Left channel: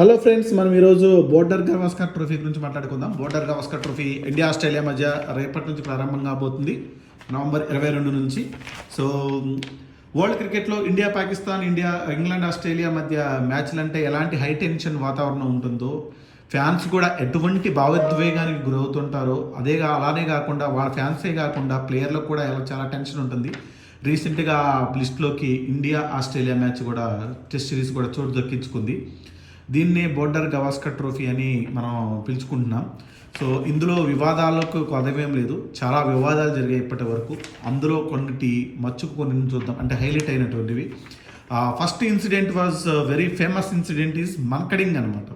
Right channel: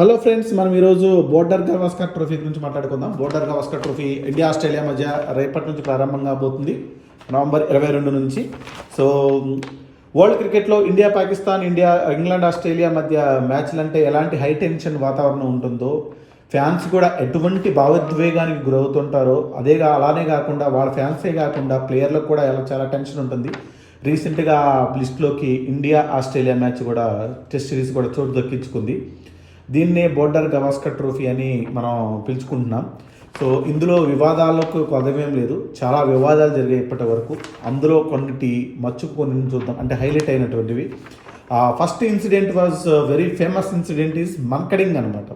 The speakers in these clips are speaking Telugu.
హలో ఫ్రెండ్స్, మనం ఈరోజు బోర్డర్ గవాస్కర్ ట్రోఫీ గురించి మాట్లాడుకుందాం. Border Gavaskar trophy India Australia మధ్య రేపటి నుంచి ప్రారంభంగా పోతుంది, నవంబర్ 22 నుంచి. సో వరల్డ్ క్రికెట్లో ఇండియా పాకిస్తాన్, ఇంగ్లాండ్ ఆస్ట్రేలియా మధ్య మ్యాచ్లు అంటే ఎలాంటి హై టెన్షన్ వాతావరణం ఉంటుందో, ఫ్యాన్స్ కూడా ఎటువంటి భావోద్వేగానికి గురవుతుంటారో అలానే కాకుండా వాళ్ళ ఫ్యాన్సే కాకుండా ప్లేయర్లకు కూడా చాలా టెన్షన్ ఉంటుంది. రీసెంట్గా లిస్ట్లోకి ఇండియా ఆస్ట్రేలియా మ్యాచ్ కూడా టెస్ట్ సిరీస్ కూడా చోటు దక్కించుకుంది. దీన్నే బోర్డర్ గవాస్కర్ ట్రోఫీ అని మనం పిలుచుకుంటున్నాం. సో ఇందులో వివాదాలకు కొదవేం లేదు, చాలా వివాదాలు జరిగాయి ఇప్పటి వరకు. అందులో కొన్నిటి కొన్ని చూద్దాం, అంటే హైలైట్ అయినటువంటివి. First incident was very famous incident is mankading అనమాట.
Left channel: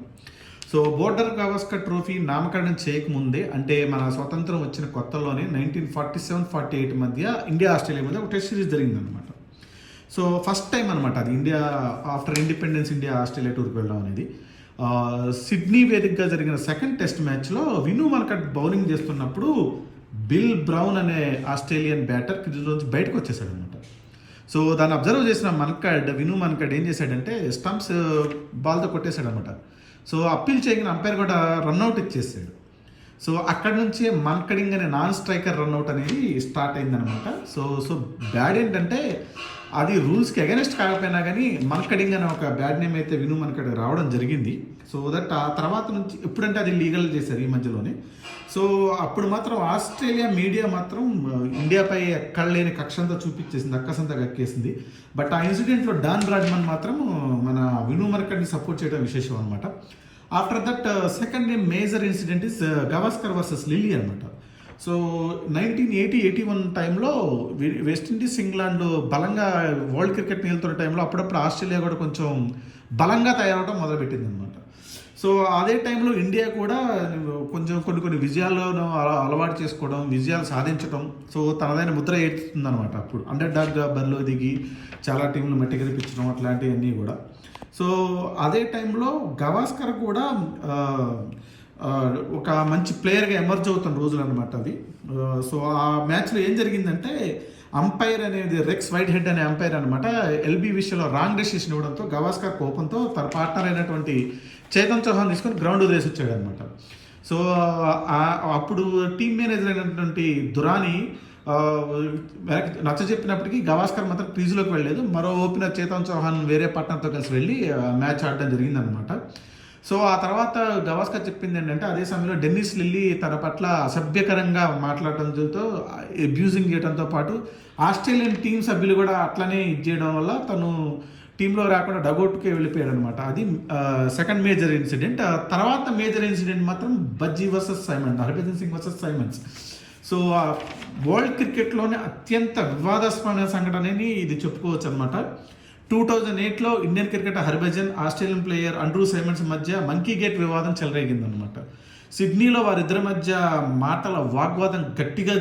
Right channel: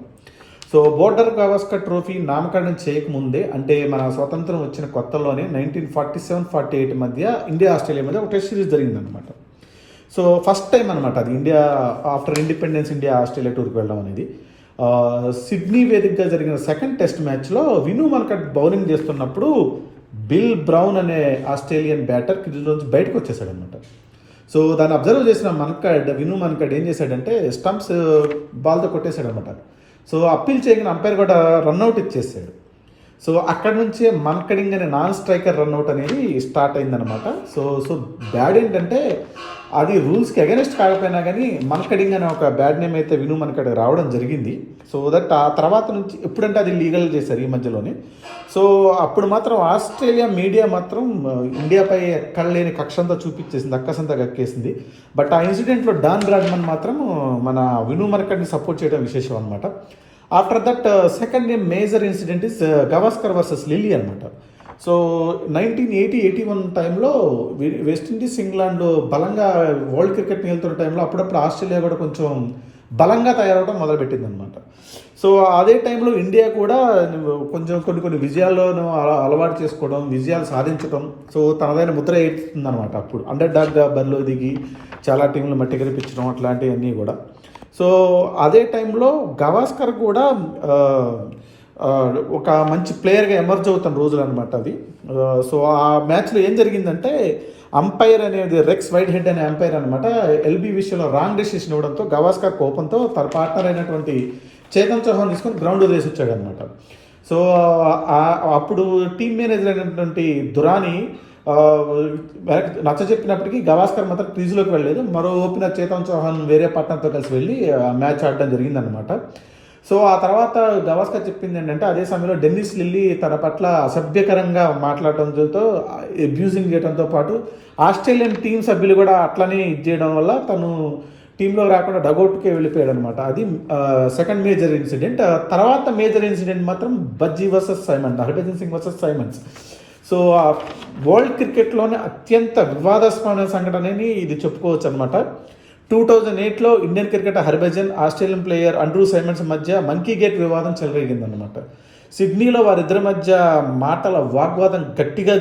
సో బోర్డర్ గవాస్కర్ ట్రోఫీ నామకరణం చేయకముందే, అంటే మన స్వతంత్రం వచ్చిన కొత్తలోనే 1947-48 మధ్య ఇండియా ఆస్ట్రేలియా మధ్య ఒక టెస్ట్ సిరీస్ జరిగిందనమాట. సో ఫస్ట్ టైం అనమాట అది, India after independence India Australia టూర్కి వెళ్ళడం అనేది. సిడ్నీ వేదికగా జరిగిన సెకండ్ టెస్ట్ మ్యాచ్లో విను మన్కడ్ బౌలింగ్ చేస్తున్నప్పుడు బిల్ బ్రౌన్ అనే ఆస్ట్రేలియన్ బ్యాటర్ క్రీజ్లోంచి బయటకు వచ్చేసాడు అనమాట. సో దాన్ని అబ్జర్వ్ చేసిన విను మన్కడ్ ఏం చేశాడంటే స్టంప్స్ బాల్తో కొట్టేశాడు అనమాట. సో అప్పీల్ చేయగానే అంపైర్ కూడా రన్అట్ ఇచ్చేసాడు. సో అక్కడ నుంచే మన్కడింగ్ అనే నాన్ స్ట్రైకర్ రన్అట్ అనేది స్టార్ట్ అయిందనమాట. సో బ్యాడ్ ఏంటంటే అది రూల్స్కి అగెనిస్ట్ కాకపోయినా కానీ మన్కడింగ్ అనే ఒక బ్యాడ్ నేమ్ అయితే విను మన్కడ్ రావడం జరిగింది. సో దట్ ఆ తర్వాత నుంచి ఎప్పుడంటే అది లీగల్ చేశారు ఈ మధ్యలోనే. సో అప్పుడు మాత్రం ఆస్ట్రేలియా మీడియా మాత్రం ఇండియాపై ఎక్కడ లేని కక్షంతా చూపించేసింది, అక్కసంతా కక్కేసింది. బట్ ఆ ఇన్సిడెంట్లో డాన్ బ్రాడ్మన్ మాత్రం మన విను మన్కడ్ని సపోర్ట్ చేయడం విశేషం అనమాట. After that second major incident is Gavaskar versus lily అనమాట. సో 1980-81 టైంలో వెస్టిండీస్, ఇంగ్లాండ్ బలంగా వరల్డ్ క్రికెట్ నిలుతున్న టైంలో అప్పుడప్పుడు ఆస్ట్రేలియా కూడా కొంచెం బలంగా తయారవడం మొదలుపెట్టింది అనమాట. సో అదే టైంలో ఇండియా కూడా కొంచెం కొన్ని విజయాలను అలవాటు చేసుకోవడం, విజయాలు సాధించడం, సో తనదైన ముద్ర వేస్తుంది అనమాట. అప్పుడు అండర్ డాగ్గా బరిలో దిగి చాలా టీంలు మట్టి కనిపించడం అట్లాంటివన్నీ కూడా. సో అదే టైంలో గవాస్కర్ కూడా ఒక మంచి ప్లేయర్గా ఎమర్జ్ అవుతున్న రోజులు అనమాట అది. సో ఆ మ్యాచ్లో ఏం జరిగిందంటే అంపైర్ అనేది రెక్స్ వైట్ హెడ్ అనే అంపైర్ అనమాట ఎల్బీ విషయంలో రాంగ్ డెసిషన్ ఇవ్వడంతో గవాస్కర్ కోపంతో తన పార్ట్నర్ అయినటువంటి చేతన్ చౌహాన్ తీసుకొని గ్రౌండ్ వదిలేసి వచ్చాడు అనమాట. సో అప్పుడు టీమ్ మేనేజర్ అయినటువంటి దురాని నచ్చ చెప్పినప్పటికీ గవాస్కర్ మాత్రం క్రీజ్లోకి వెళ్ళలేదు. మరో ఓపెనర్ చేతన్ చౌహాన్ వేరే పార్ట్నర్తో కలిసి వెళ్ళి మ్యాచ్ ఆడడం జరిగిందనమాట. సో ఆ తర్వాత గవాస్కర్ చెప్పింది ఏంటంటే, అదే సమయంలో డెన్నిస్ లిల్లీ తన పట్ల అసభ్యకరంగా మాట్లాడటంతో, అబ్యూజింగ్ చేయడంతో పాటు ఆస్ట్రేలియన్ టీం సభ్యులు కూడా అట్లనే చేయడం వల్ల తను టీంలో రాకుండా డగౌట్కే వెళ్ళిపోయాడు అనమాట. అది సెకండ్ మేజర్ ఇన్సిడెంట్. తర్వాత మేజర్ ఇన్సిడెంట్ మాత్రం Bhajji versus Simon, Harbhajan Singh versus Symonds. So world క్రికెట్లోనే అత్యంత వివాదాస్పదమైన సంఘటన అని ఇది చెప్పుకోవచ్చు అనమాట. 2008లో Indian cricketer Harbhajan, Australian player Andrew Symonds మధ్య మంకీ గేట్ వివాదం చెలరేగిందనమాట. సిడ్నీలో వారిద్దరి మధ్య మాటల వాగ్వాదం గట్టిగా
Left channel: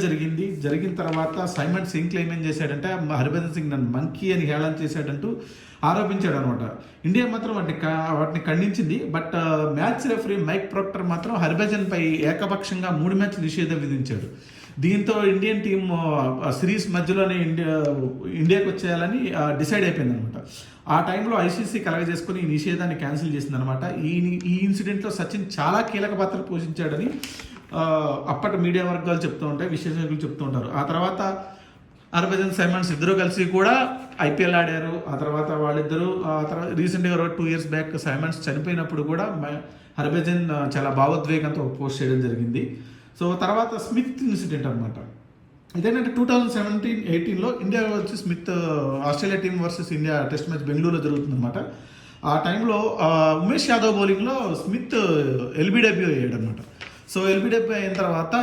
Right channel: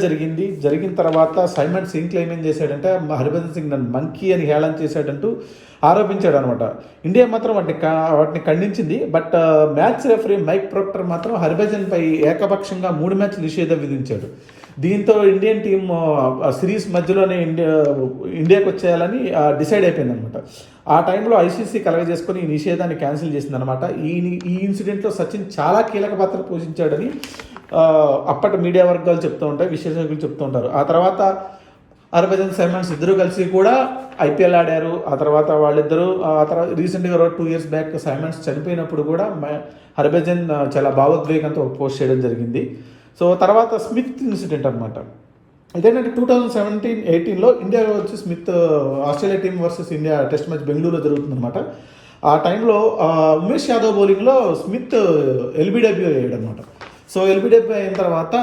జరిగిన తర్వాత సైమన్స్ ఏం క్లెయిమ్ చేశాడంటే, హర్భజన్ సింగ్ నన్ను మంకీ అని హేళన చేశాడంటూ ఆరోపించాడు అనమాట. ఇండియా మాత్రం వాటిని ఖండించింది. But match referee Mike Procter మాత్రం హర్భజన్పై ఏకపక్షంగా 3 మ్యాచ్లు నిషేధం విధించాడు. దీంతో ఇండియన్ టీం సిరీస్ మధ్యలోనే ఇండియాకి వచ్చేయాలని డిసైడ్ అయిపోయింది అనమాట. ఆ టైంలో ఐసీసీ కలగజేసుకొని ఈ నిషేధాన్ని క్యాన్సిల్ చేసిందనమాట. ఈ ఇన్సిడెంట్లో సచిన్ చాలా కీలక పాత్ర పోషించాడని అప్పటి మీడియా వర్గాలు చెప్తూ ఉంటాయి, విశ్లేషకులు చెప్తూ ఉంటారు. ఆ తర్వాత హర్భజన్, సైమన్స్ ఇద్దరు కలిసి కూడా ఐపీఎల్ ఆడారు. ఆ తర్వాత వాళ్ళిద్దరూ రీసెంట్గా 2 years బ్యాక్ సైమన్స్ చనిపోయినప్పుడు కూడా హర్భజన్ చాలా భావోద్వేగంతో పోస్ట్ చేయడం జరిగింది. సో తర్వాత స్మిత్ ఇన్సిడెంట్ అనమాట. ఇదేంటంటే 2017-18లో ఇండియా వచ్చి Smith Australia team versus India test match బెంగళూరులో జరుగుతుందన్నమాట. ఆ టైంలో ఉమేష్ యాదవ్ బౌలింగ్లో స్మిత్ ఎల్బీడబ్ల్యూ అయ్యాడు అనమాట. సో ఎల్బీడబ్ల్యూ అయిన తర్వాత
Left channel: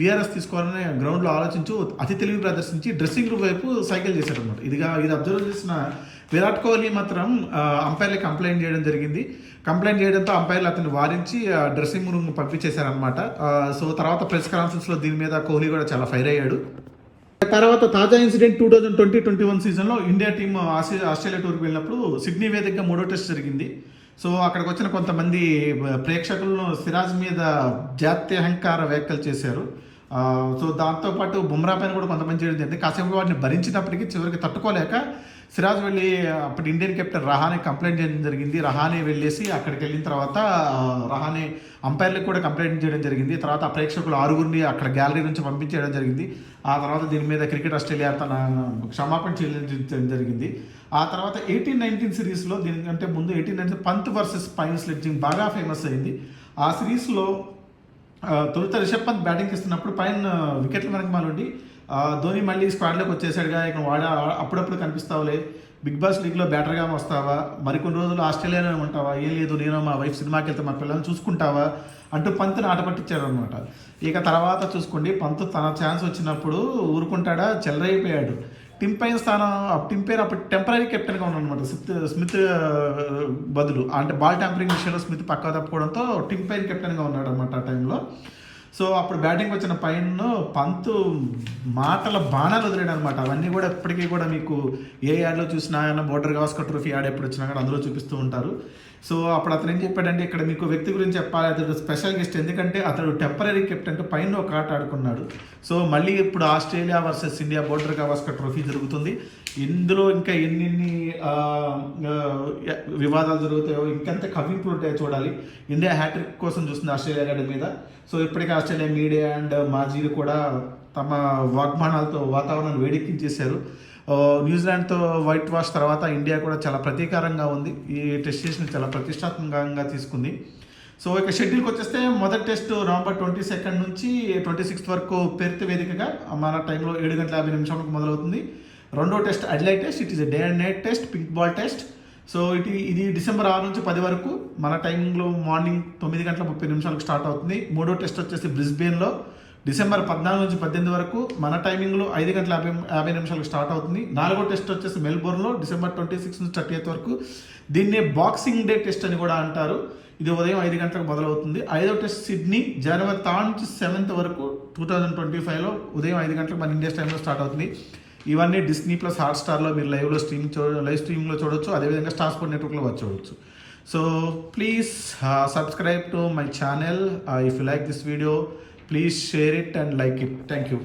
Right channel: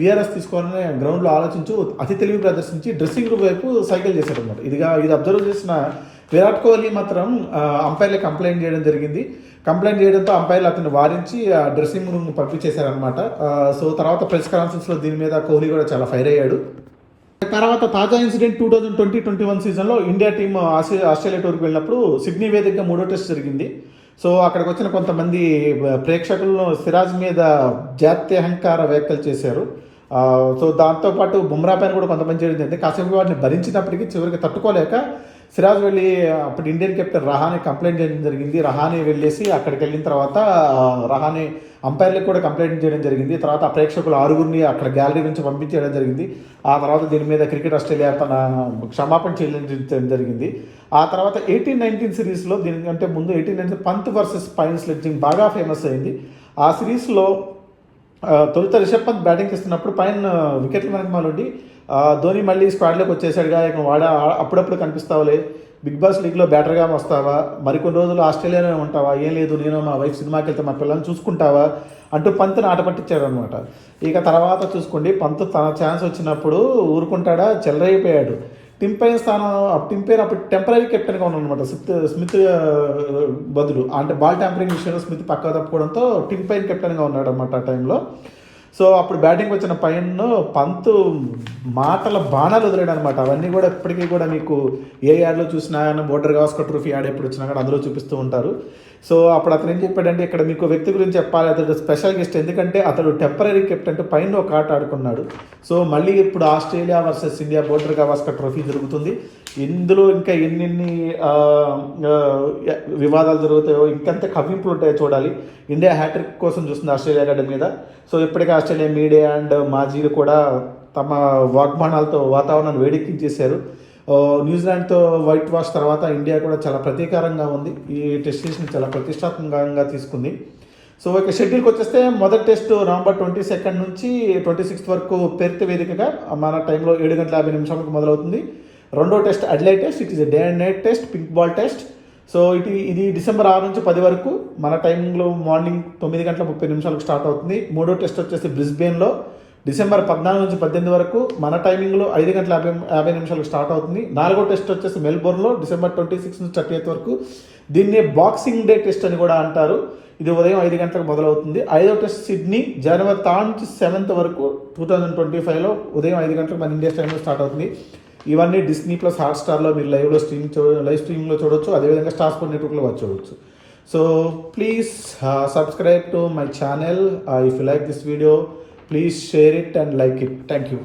బీఆర్ఎస్ తీసుకోవాలని గ్రౌండ్లో ఆలోచించు అతి తెలివి ప్రదర్శించి డ్రెస్సింగ్ రూమ్ వైపు సైకిల్ చేశాడు అనమాట. ఇది అబ్జర్వ్ చేసిన విరాట్ కోహ్లీ మాత్రం అంపైర్లకి కంప్లైంట్ చేయడం జరిగింది. కంప్లైంట్ చేయడంతో అంపైర్లు అతన్ని వారించి డ్రెస్సింగ్ రూమ్ని పంపించేశారనమాట. సో తర్వాత ప్రెస్ కాన్ఫరెన్స్లో దీని మీద కోహ్లీ కూడా చాలా ఫైర్ అయ్యాడు. తర్వాత తాజా ఇన్సిడెంట్ 2020-21 సీజన్లో ఇండియా టీం ఆస్ట్రేలియా టూర్కి వెళ్ళినప్పుడు సిడ్నీ వేదికగా 3వ టెస్ట్ జరిగింది. సో అక్కడికి వచ్చిన కొంతమంది ప్రేక్షకులను సిరాజ్ మీద జాత్యహంకార వ్యాఖ్యలు చేశారు. సో దాంతోపాటు బుమ్రా పైన కూడా కొంతమంది చేయడం జరిగింది. కాసేపు వాటిని భరించినప్పటికీ చివరికి తట్టుకోలేక సిరాజ్ వెళ్ళి అప్పుడు ఇండియన్ కెప్టెన్ రహానే కంప్లైంట్ చేయడం జరిగింది. రహానే వెళ్ళేసి అక్కడికి వెళ్ళిన తర్వాత రహానే అంపైర్లకు కూడా కంప్లైంట్ చేయడం జరిగింది. తర్వాత ఆ ప్రేక్షకులు 6గురిని అక్కడ గ్యాలరీ నుంచి పంపించేయడం జరిగింది. ఆ తర్వాత దీని మీద క్రికెట్ ఆస్ట్రేలియా తన క్షమాపణ చెల్లించడం జరిగింది. ఆ తర్వాత 18-19 సిరీస్లో దీనికంటే ముందు 18-19 పంత్ వర్సెస్ పైన్ స్లెడ్జింగ్ బాగా ఫేమస్ అయింది. ఆ సిరీస్లో తొలుత రిషబ్ పంత్ బ్యాటింగ్ ఇస్తున్నప్పుడు పైన వికెట్ల వెనకమాలుండి ధోని మళ్ళీ స్క్వాడ్లోకి వచ్చేసాడుగా, ఇక అప్పుడప్పుడు కనిపిస్తావులే, బిగ్ బాస్ లీగ్లో బ్యాటర్గా వస్తావా, మరికొన్ని రోజులు ఆస్ట్రేలియాలో ఉంటావా, ఏం లేదు నేను మా వైఫ్ సినిమాకి వెళ్తే మా పిల్లల్ని చూసుకుంటావా అంటూ పంత్ని ఆట పట్టించాడు అనమాట. ఇక తర్వాత చూసుకోండి, పంత్ తన ఛాన్స్ వచ్చినప్పుడు ఊరుకుంటాడా, చెల్లరైపోయాడు. టిమ్ పైన్ అప్పుడు టెంపరీ కెప్టెన్గా ఉన్నాడు అనమాట. స్మిత్ బదులు అంటే బాల్ ట్యాంపరింగ్ విషయంలో స్మిత్ పక్కా తప్పుకోవడంతో టిమ్ పైన్ కెప్టెన్గా ఉన్నాడు అనమాట ఆ టైంలో. సో అప్పుడు బ్యాటింగ్ వచ్చిన పైన్ పంత్ మాటల బాణాలు వదిలేడు అనమాట. అవన్నీ కూడా ఎప్పటికీ కూడా మీకు ఏ యాడ్లో చూసినా బోర్డర్ గవాస్కర్ ట్రోఫీ యాడ్ ఎప్పుడు వచ్చినా కూడా అందులో చూపిస్తూ ఉంటారు. సో అప్పుడు అతను ఏం చెప్పాడంటే, ఇక్కడ మీకు వ్యక్తి గురించి చెప్పాలి, అతడు స్పెషల్ గెస్ట్, ఎందుకంటే అతడు టెంపరీ కెప్టెన్ పైన ఒక ఆట ఆడుకున్నాడు. సో మళ్ళీ ఇప్పుడు Australia versus India border Gavaskar trophy జరుగుతుంది. ఇందులో ఇంకా ఎన్ని వివాదాలు జరుగుతాయో, ఇంకెంత కవింపులు ఉంటాయో చూడాలి. ఇండియా హ్యాట్రిక్ కోసం చూస్తుంది ఆస్ట్రేలియా గడ్డ మీద. సో ఇప్పటికే ఆస్ట్రేలియా మీడియా అండ్ మాజీలు కూడా తమ వాగ్బాణాలతో వాతావరణాన్ని వేడెక్కించేశారు. న్యూజిలాండ్తో వైట్ వాష్ తర్వాత ఇండియా కూడా చాలా ప్రతీకారంగా ఉంది. ఈ టెస్ట్ సిరీస్ని చాలా ప్రతిష్టాత్మకంగా తీసుకుంది. సో ఇక షెడ్యూల్కి వచ్చేస్తే మొదటి టెస్ట్ నవంబర్ 22 నుంచి 26 వరకు పెర్త్ వేదికగా మన టైంలో 7:50 మొదలవుతుంది. రెండో test అడ్లైట్ test, it is day and night test, pink ball test. So ఇది డిసెంబర్ 6 నుంచి 10 వరకు మన టైంలో మార్నింగ్ 9:30 స్టార్ట్ అవుతుంది. మూడో టెస్ట్ వచ్చేసి బ్రిస్బేన్లో డిసెంబర్ 14 నుంచి 18 వరకు మన టైమింగ్లో 5:50 స్టార్ట్ అవుతుంది. నాలుగో టెస్ట్ వచ్చేసి మెల్బోర్న్లో డిసెంబర్ 26 నుంచి 30 వరకు. దీన్ని బాక్సింగ్ డే టెస్ట్ అని కూడా అంటారు. ఇది ఉదయం 5 గంటలకు మొదలవుతుంది. ఐదో టెస్ట్ సిడ్నీ జనవరి 3 నుంచి 7 వరకు 2025లో ఉదయం 5 గంటలకు మన ఇండియా టైంలో స్టార్ట్ అవుతుంది. ఇవన్నీ డిస్నీ ప్లస్ హాట్స్టార్లో మీరు లైవ్ స్ట్రీమింగ్లో చూడవచ్చు. అదేవిధంగా స్టార్ స్పోర్ట్ నెట్వర్క్లో వచ్చవచ్చు. So please subscribe to my channel. If you like this video, please share it and like it. Thank you.